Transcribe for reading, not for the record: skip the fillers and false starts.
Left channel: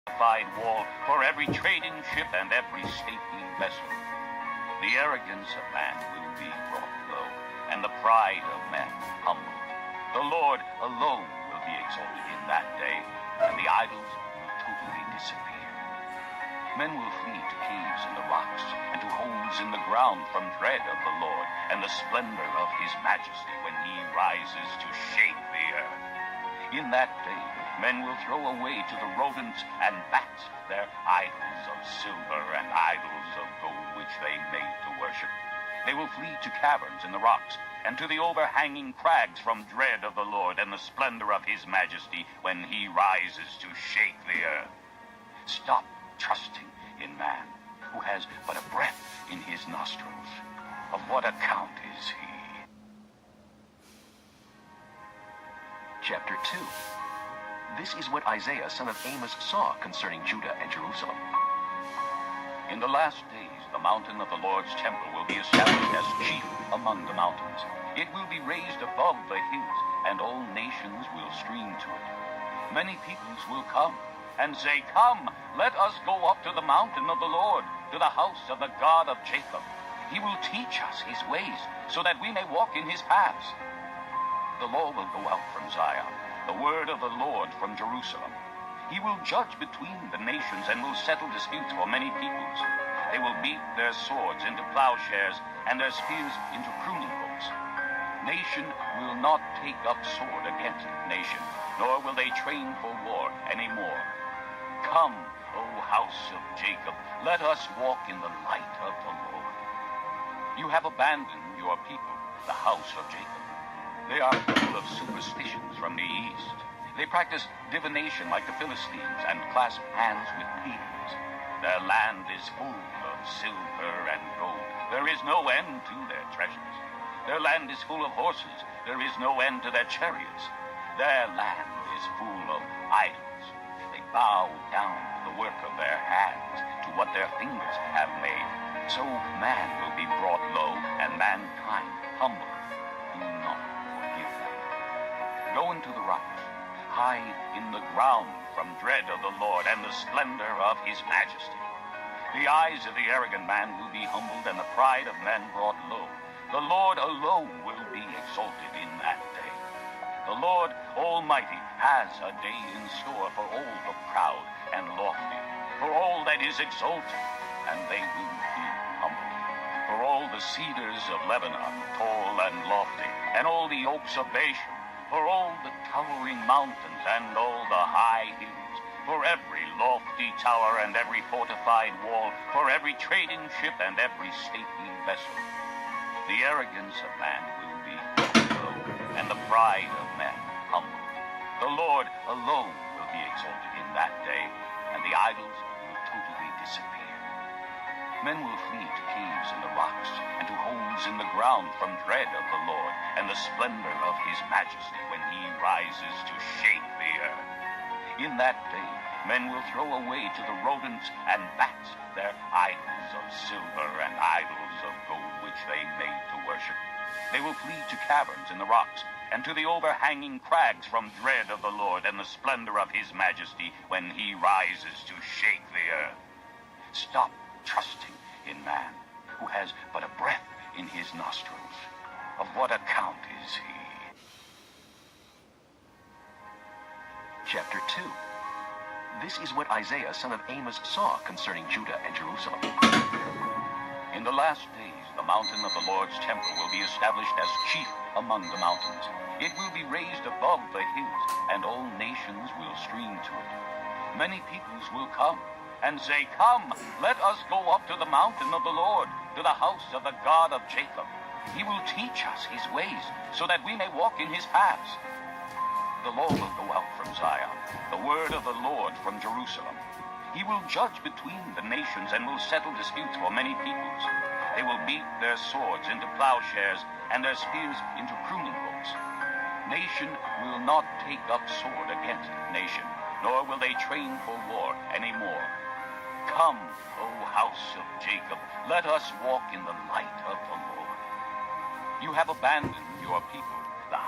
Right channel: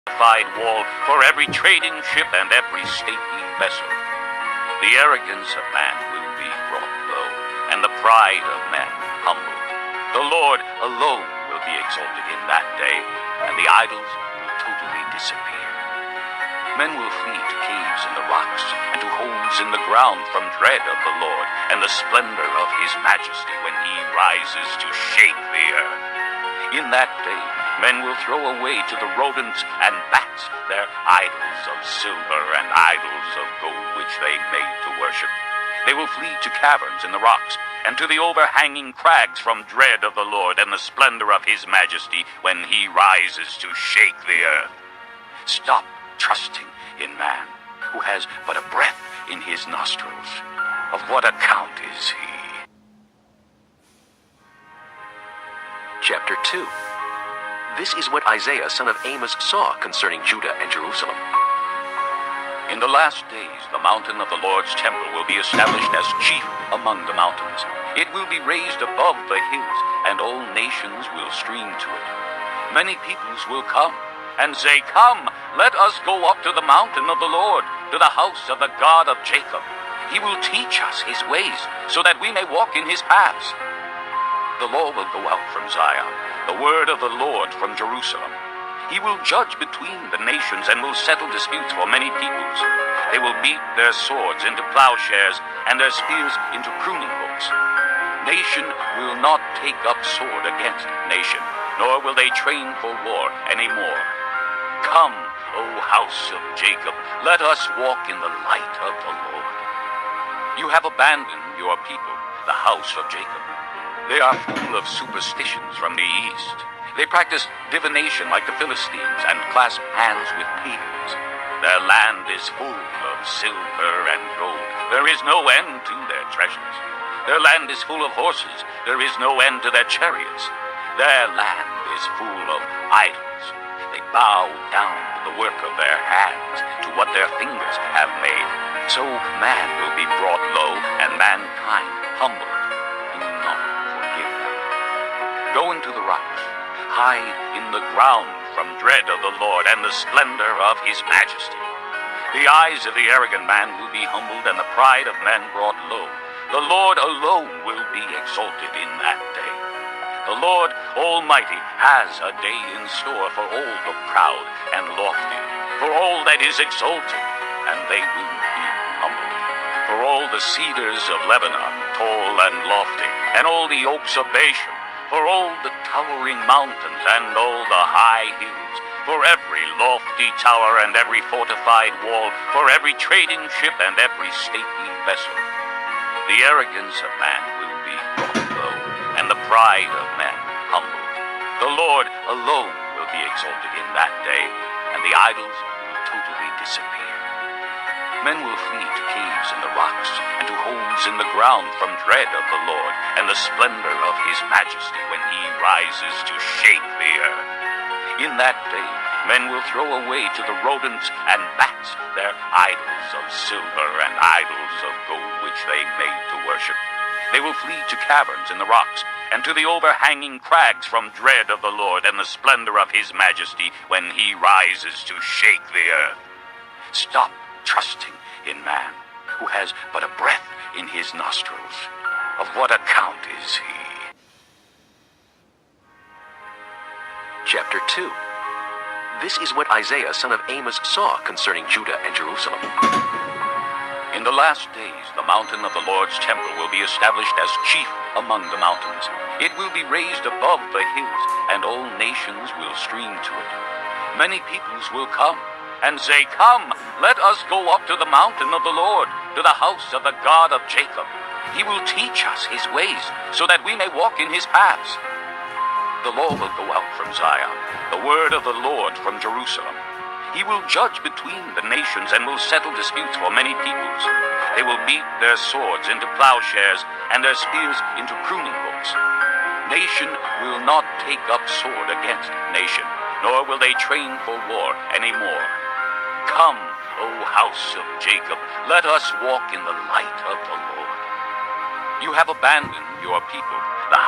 fortified wall, for every trading ship and every stately vessel. The arrogance of man will be brought low, and the pride of men humbled. The Lord alone will be exalted in that day, and the idols will totally disappear. Men will flee to caves in the rocks, and to holes in the ground from dread of the Lord, and the splendor of his majesty when he rises to shake the earth. In that day, men will throw away to the rodents and bats their idols of silver and idols of gold which they made to worship. They will flee to caverns in the rocks, and to the overhanging crags from dread of the Lord and the splendor of his majesty when he rises to shake the earth. Stop trusting in man, who has but a breath in his nostrils. Of what account is he? Chapter 2. This is what Isaiah son of Amos saw concerning Judah and Jerusalem. In the last days, the mountain of the Lord's temple will be established as chief among the mountains. It will be raised above the hills, and all nations will stream to it. Many peoples will come and say, "Come, let us go up to the mountain of the Lord, to the house of the God of Jacob. He will teach us his ways, so that we may walk in his paths." The law will go out from Zion, the word of the Lord from Jerusalem. He will judge between the nations and will settle disputes for many peoples. They will beat their swords into plowshares and their spears into pruning hooks. Nation will not take up sword against nation, nor will they train for war any more. Come, O house of Jacob, let us walk in the light of the Lord. You have abandoned your people, the house of Jacob. They are full of superstitions from the east. They practice divination like the Philistines and clasp hands with pagans. Their land is full of silver and gold. There is no end to their treasures. Their land is full of horses. There is no end to their chariots. Their land is full of idols. They bow down to the work of their hands, to what their fingers have made. So man will be brought low, and mankind humbled. Do not forgive them. Go into the rocks. Hide in the ground from dread of the Lord and the splendor of his majesty. The eyes of the arrogant man will be humbled, and the pride of men brought low. The Lord alone will be exalted in that day. The Lord Almighty has a day in store for all the proud and lofty, for all that is exalted, and they will be humbled. For all the cedars of Lebanon, tall and lofty, and all the oaks of Bashan, for all the towering mountains and all the high hills, for every lofty tower and every fortified wall, for every trading ship and every stately vessel. The arrogance of man will be brought low, and the pride of men humbled. The Lord alone will be exalted in that day, and the idols will totally disappear. Men will flee to caves in the rocks, and to holes in the ground from dread of the Lord, and the splendor of his majesty when he rises to shake the earth. In that day, men will throw away to the rodents and bats their idols of silver and idols of gold which they made to worship. They will flee to caverns in the rocks, and to the overhanging crags from dread of the Lord and the splendor of his majesty when he rises to shake the earth. Stop trusting in man, who has but a breath in his nostrils. Of what account is he? Chapter 2. This is what Isaiah son of Amos saw concerning Judah and Jerusalem. In the last days, the mountain of the Lord's temple will be established as chief among the mountains. It will be raised above the hills, and all nations will stream to it. Many peoples will come and say, "Come, let us go up to the mountain of the Lord, to the house of the God of Jacob. He will teach us his ways, so that we may walk in his paths." The law will go out from Zion, the word of the Lord from Jerusalem. He will judge between the nations and will settle disputes for many peoples. They will beat their swords into plowshares and their spears into pruning hooks. Nation will not take up sword against nation, nor will they train for war any more. Come, O house of Jacob, let us walk in the light of the Lord. You have abandoned your people,